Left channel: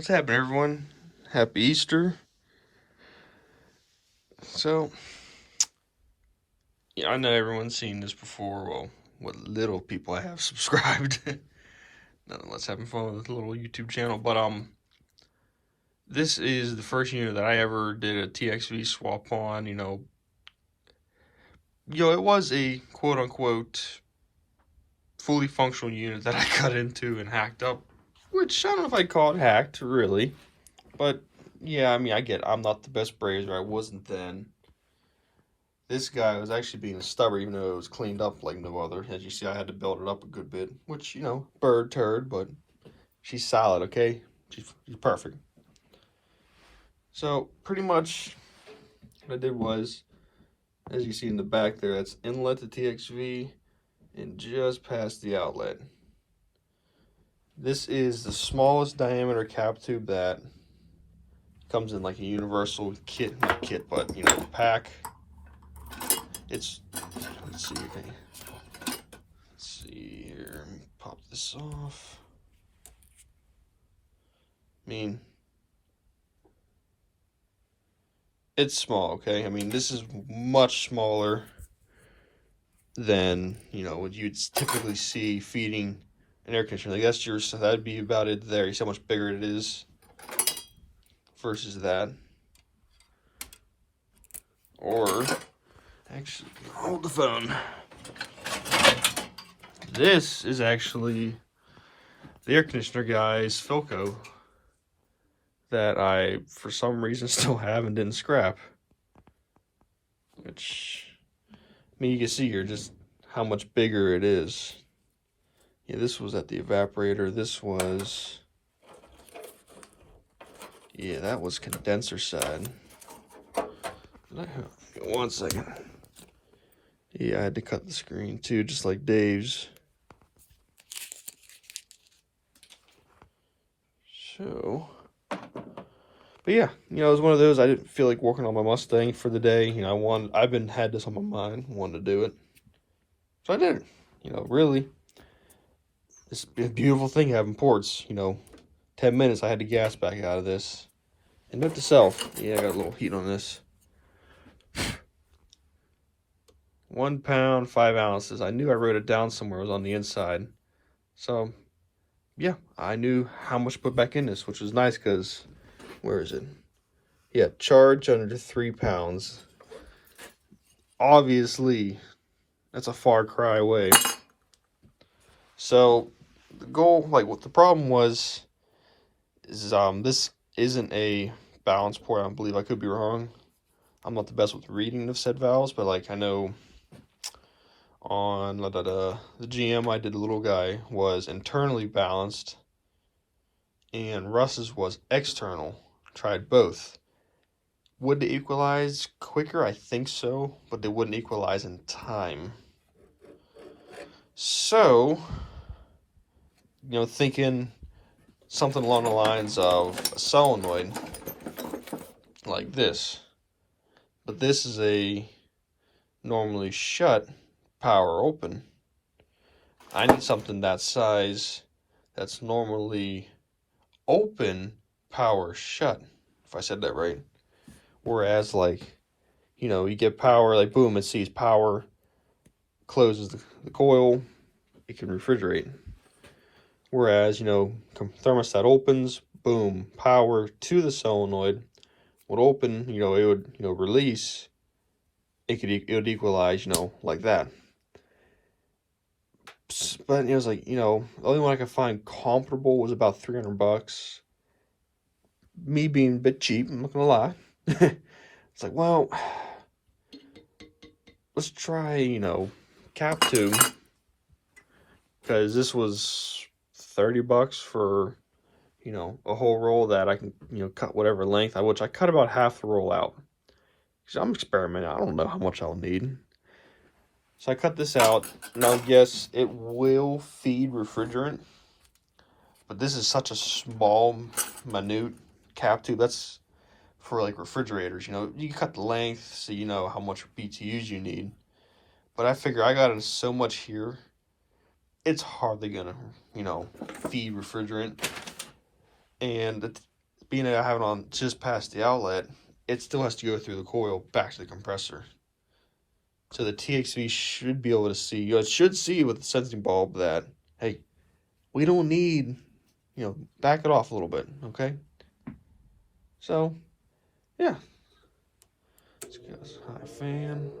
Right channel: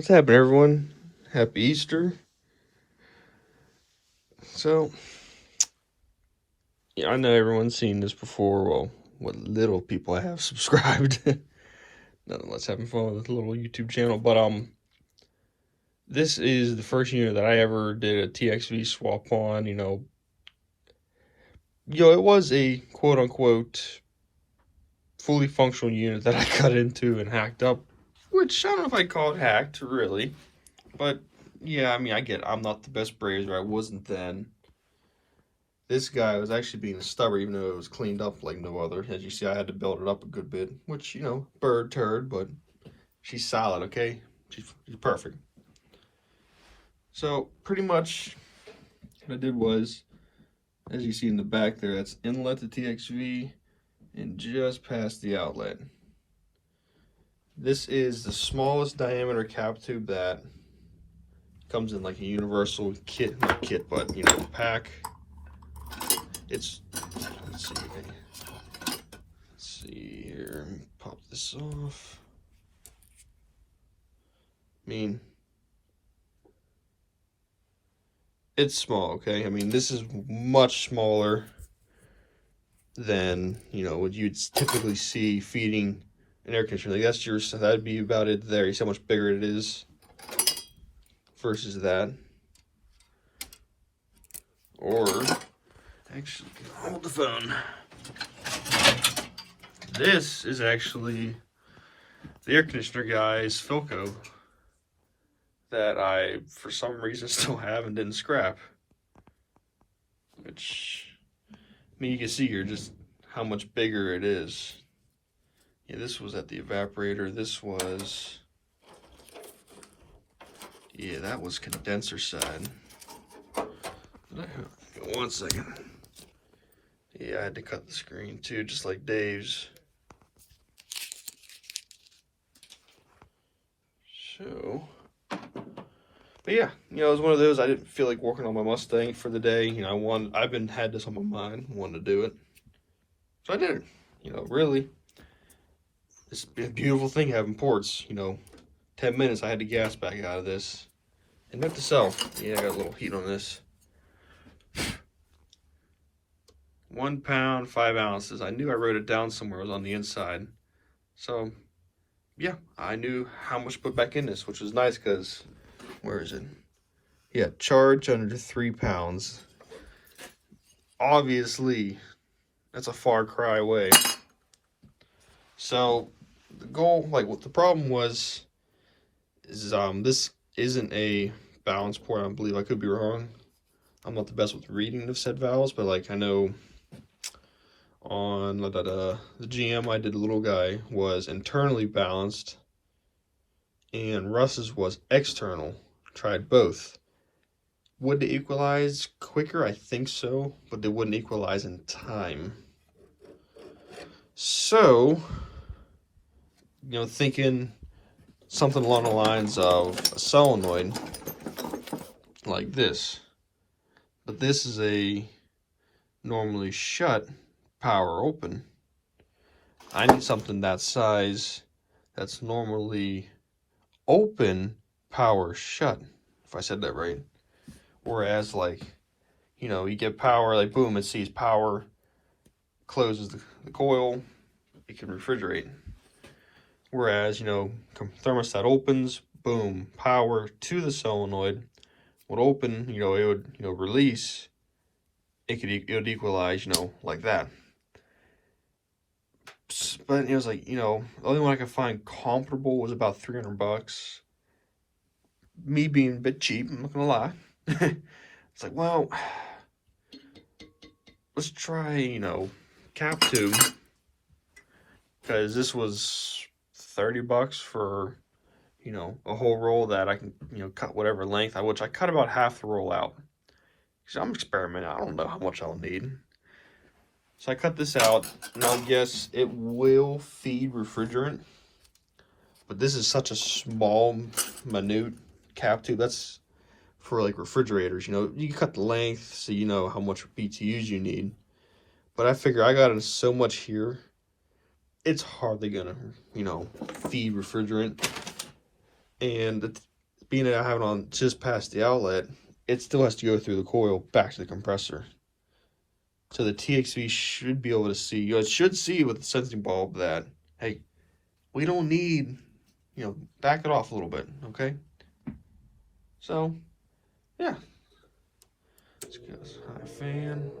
What's happening, everyone? Happy Easter. So, yeah, I know everyone's seen this before. Well, what little people I have subscribed. Nonetheless, having fun with a little YouTube channel. But this is the first unit that I ever did a TXV swap on. It was a quote unquote fully functional unit that I cut into and hacked up. Which I don't know if I'd call it hacked, really. But yeah, I mean, I'm not the best brazier. I wasn't then. This guy was actually being stubborn, even though it was cleaned up like no other. As you see, I had to build it up a good bit, which, bird turd, but she's solid, okay? She's perfect. So, pretty much what I did was, as you see in the back there, that's inlet to TXV and just past the outlet. This is the smallest diameter cap tube that comes in like a universal kit, not kit, but, pack. Let's see here, let me pop this off. I mean, it's small, okay? I mean, this is much smaller than, what you'd typically see feeding an air conditioner. Like that'd be about it there. You see how much bigger it is versus that. Or, actually, hold the phone. This is actually the air conditioner guy's Philco that I, for some reason, still have and didn't scrap. Which, I mean, you can see here just how much bigger it is. Yeah, this was at the evaporator. This was, yeah, that was condenser side. One second. Yeah, I had to cut the screen too, just like Dave's. So, but yeah, it was one of those. I didn't feel like working on my Mustang for the day. Had this on my mind, wanted to do it, so I did it. Really, it's a beautiful thing having ports. 10 minutes I had the gas back out of this. And note to self, yeah, I got a little heat on this. 1 pound, 5 ounces. I knew I wrote it down somewhere. It was on the inside. So, yeah, I knew how much to put back in this, which was nice because, where is it? Yeah, charge under 3 pounds. Obviously, that's a far cry away. So, the goal, like what the problem was, is this isn't a balance port. I believe, I could be wrong. I'm not the best with reading the said valves, but like I know on the GM I did, the little guy was internally balanced and Russ's was external. Tried both. Would they equalize quicker? I think so, but they wouldn't equalize in time. So, thinking something along the lines of a solenoid like this. But this is a normally shut, power open. I need something that size that's normally open, power shut, if I said that right. Whereas, like, you get power, like, boom, it sees power, closes the coil, it can refrigerate. Whereas, thermostat opens, boom, power to the solenoid would open, it would, release, it would equalize, like that. But it was like, the only one I could find comparable was about $300. Me being a bit cheap, I'm not gonna lie. It's like, well, let's try, cap tube. Because this was $30 for, a whole roll that I can, cut whatever length. Which I cut about half the roll out. Because I'm experimenting. I don't know how much I'll need. So I cut this out. Now, yes, it will feed refrigerant. But this is such a small, minute cap tube. That's for like refrigerators. You can cut the length so you know how much BTUs you need. But I figure I got in so much here, it's hardly gonna, feed refrigerant. And being that I have it on just past the outlet, it still has to go through the coil back to the compressor. So the TXV should be able to see, it should see with the sensing bulb that, hey, we don't need, back it off a little bit, okay? So, yeah. Let's get this high fan.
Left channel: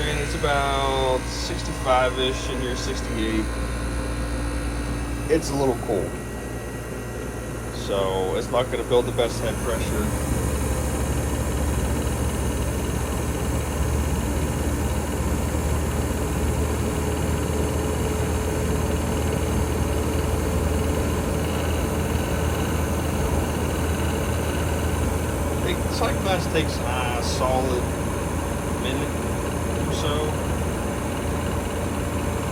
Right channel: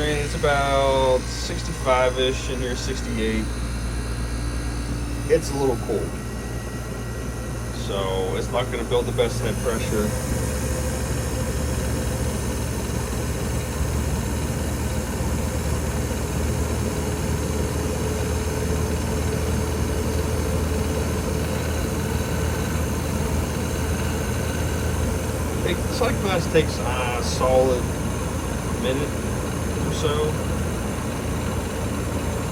It's about 65-ish in here, 68. It's a little cold, so it's not going to build the best head pressure. It's like that takes a solid minute or so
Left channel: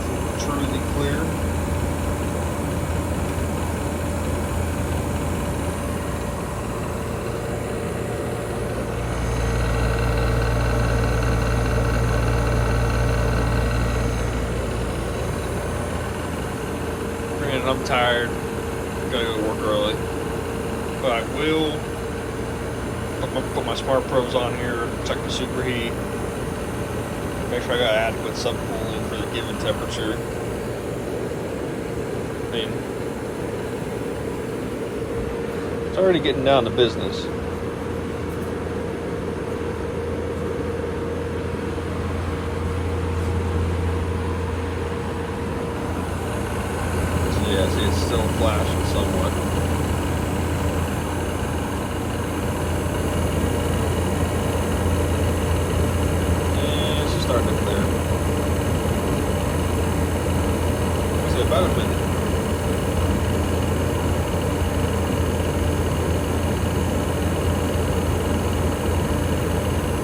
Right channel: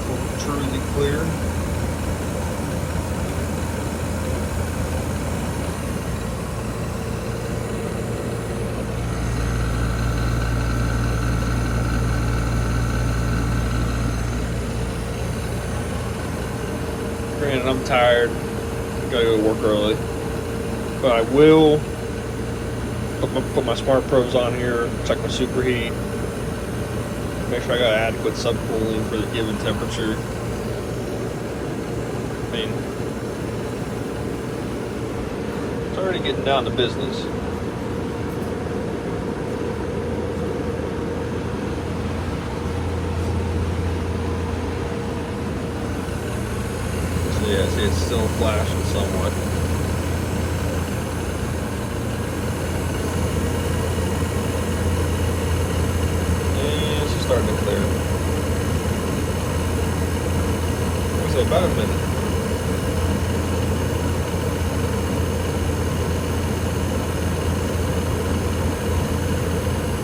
to truly clear. Granted, I'm tired. Gotta go to work early, but I will put my smart probes on here, check my superheat, make sure I got adequate subcooling for the given temperature. It's already getting down to business. So yeah, see, it's still flashing somewhat. Starting to clear. So about a minute.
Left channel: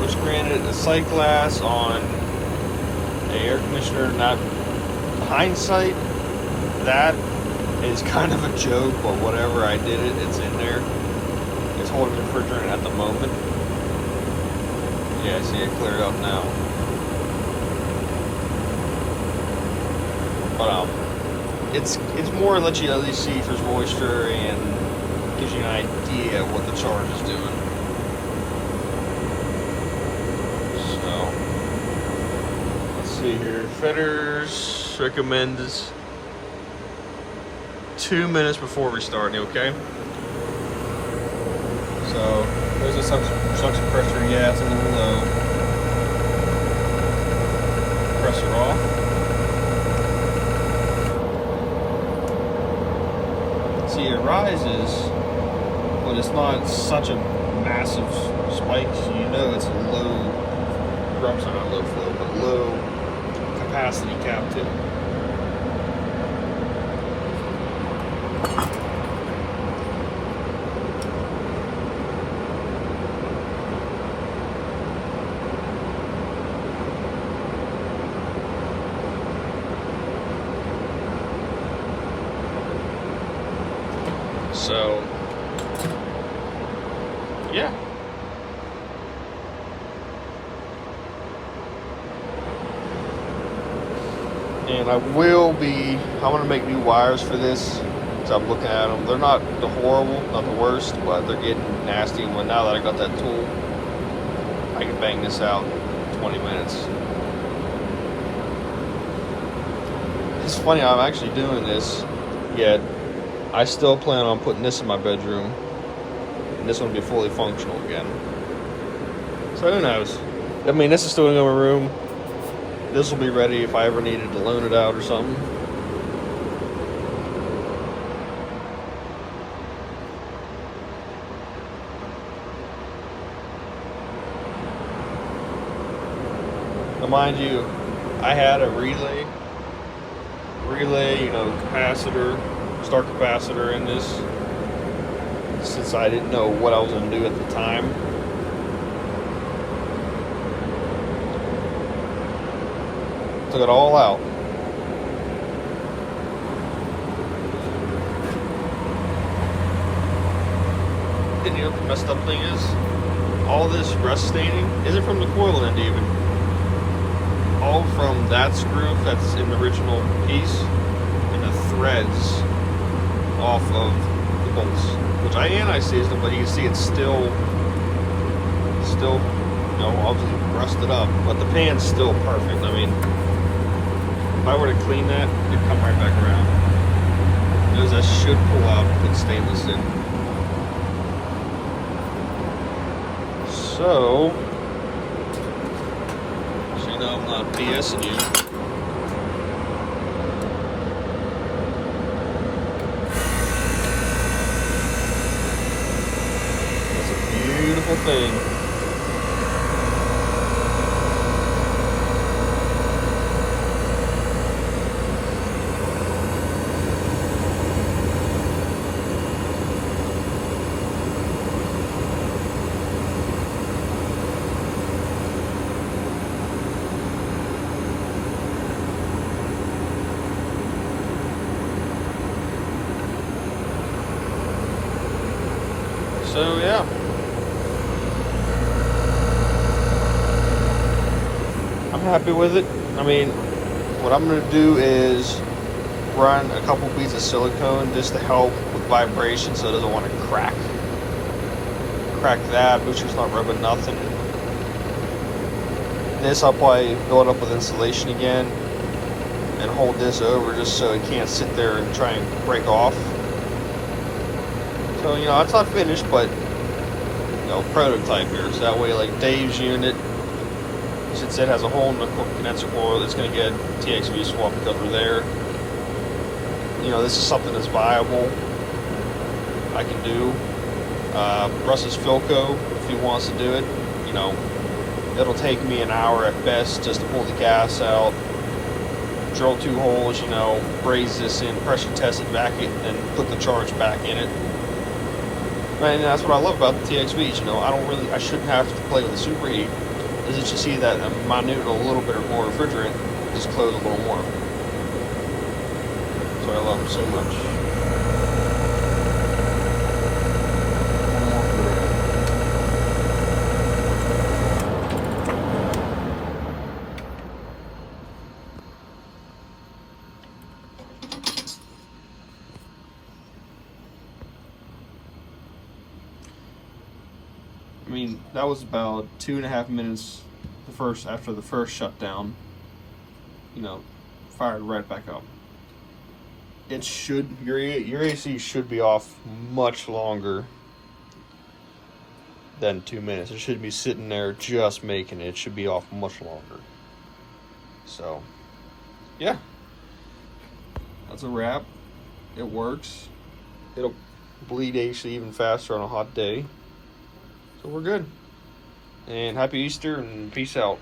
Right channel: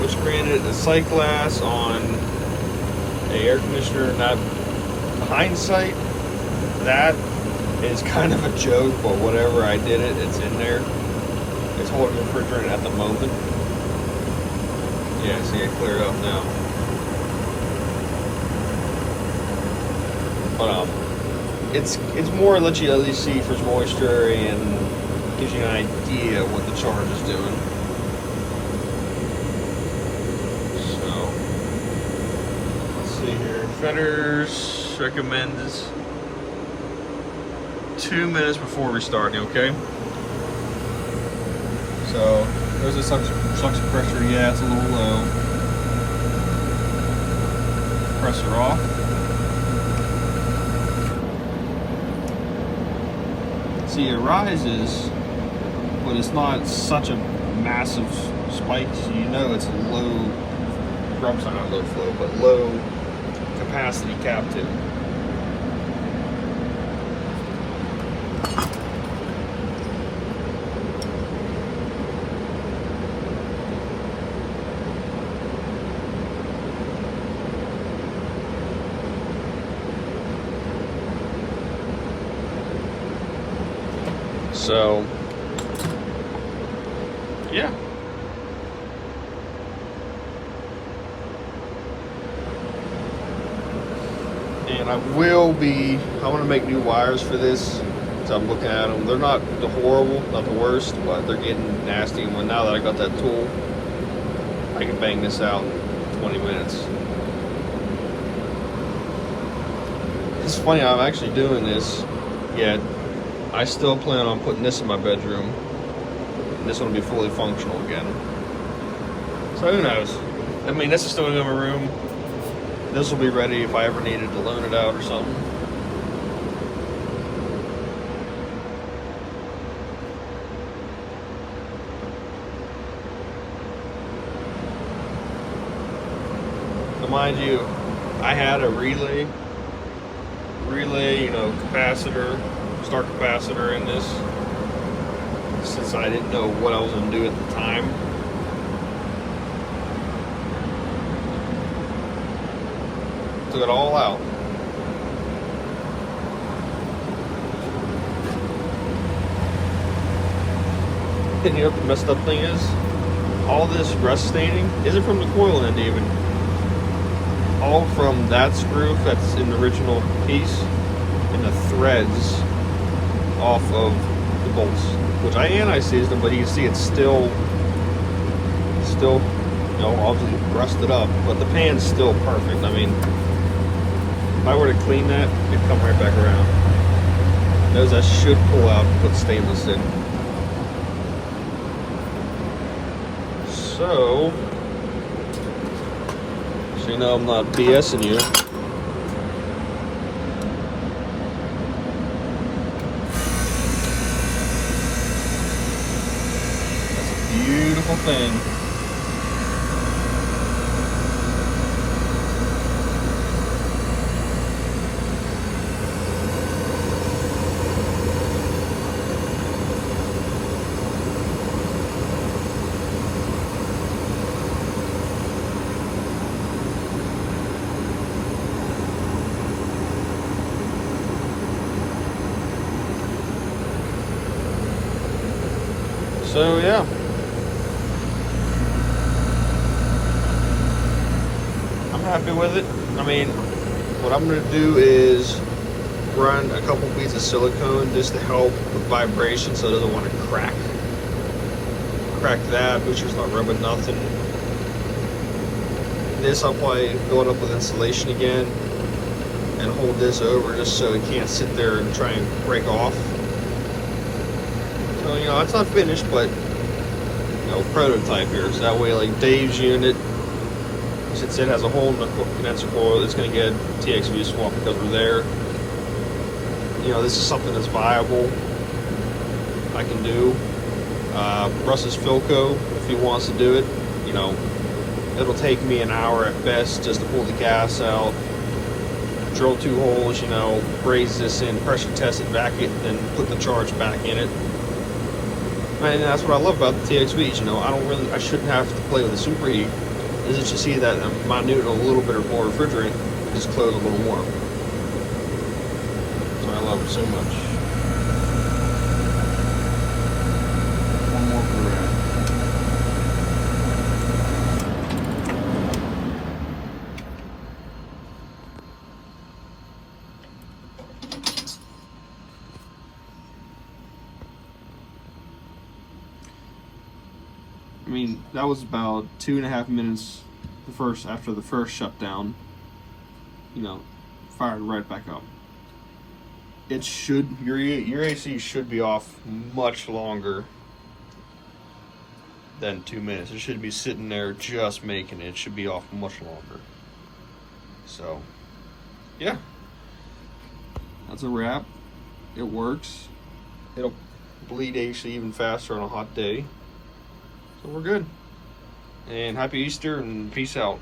Which granted, the sight glass on the air conditioner, not hindsight, that is kind of a joke, but whatever, I did it, it's in there. It's holding refrigerant at the moment. Yeah, see it clearing up now. It's more let you at least see if there's moisture and gives you an idea what the charge is doing. So let's see here. Fetters recommends 2 minutes before restarting, okay? So there's the suction pressure, yeah, it's a little low. Pressure off. See, it rises, but it's not such a massive spike. You know it's low, not low flow, but low capacity captive. So, yeah. And I'm going to make new wires for this. So I'm looking at them. They're not the horrible, not the worst, but they're getting nasty. But now that I got that tool, I can bang this out in 20 minutes. It's funny, I'm actually doing this, yet I still plan on putting this in my bedroom. And this one will be fully functional again. So who knows? I mean, this is still in my room. This will be ready if I ever needed to loan it out or something. Now mind you, I had a relay, capacitor, start capacitor in this, since I didn't know what I was going to do at the time. Took it all out. And you know what the messed up thing is? all this rust staining isn't from the coil end even. All from that screw that's in the original piece and the threads off of the bolts. Which I anti-seized them, but you can see it's still, you know, obviously rusted up, but the pan's still perfect. I mean, if I were to clean that, it'd come right back around. Those I should pull out and put stainless in. So you know I'm not BSing you. That's a beautiful thing. So yeah, I'm happy with it. I mean, what I'm gonna do is run a couple beads of silicone just to help with vibration so it doesn't want to crack. Crack that, booster's not rubbing nothing. This I'll probably fill it up with insulation again and hold this over just so it can't sit there and try and break off. So, you know, it's not finished, but, you know, prototype here. So that way, like Dave's unit, since it has a hole in the condenser coil, it's going to get TXV swap because we're there. You know, this is something that's viable. I can do. Russ's Philco, if he wants to do it, you know, it'll take me an hour at best just to pull the gas out, drill 2 holes, you know, braze this in, pressure test it back it, and put the charge back in it. And that's what I love about the TXVs, you know, I shouldn't have to play with the superheat. Is it just see that minute a little bit more refrigerant, just close a little more. That's why I love them so much. One more for that. I mean, that was about 2.5 minutes after the first shutdown, you know, fired right back up. It should, your AC should be off much longer than 2 minutes. It should be sitting there just making it. It should be off much longer. So, yeah. That's a wrap. It works. It'll bleed AC even faster on a hot day. So we're good. And happy Easter and peace out.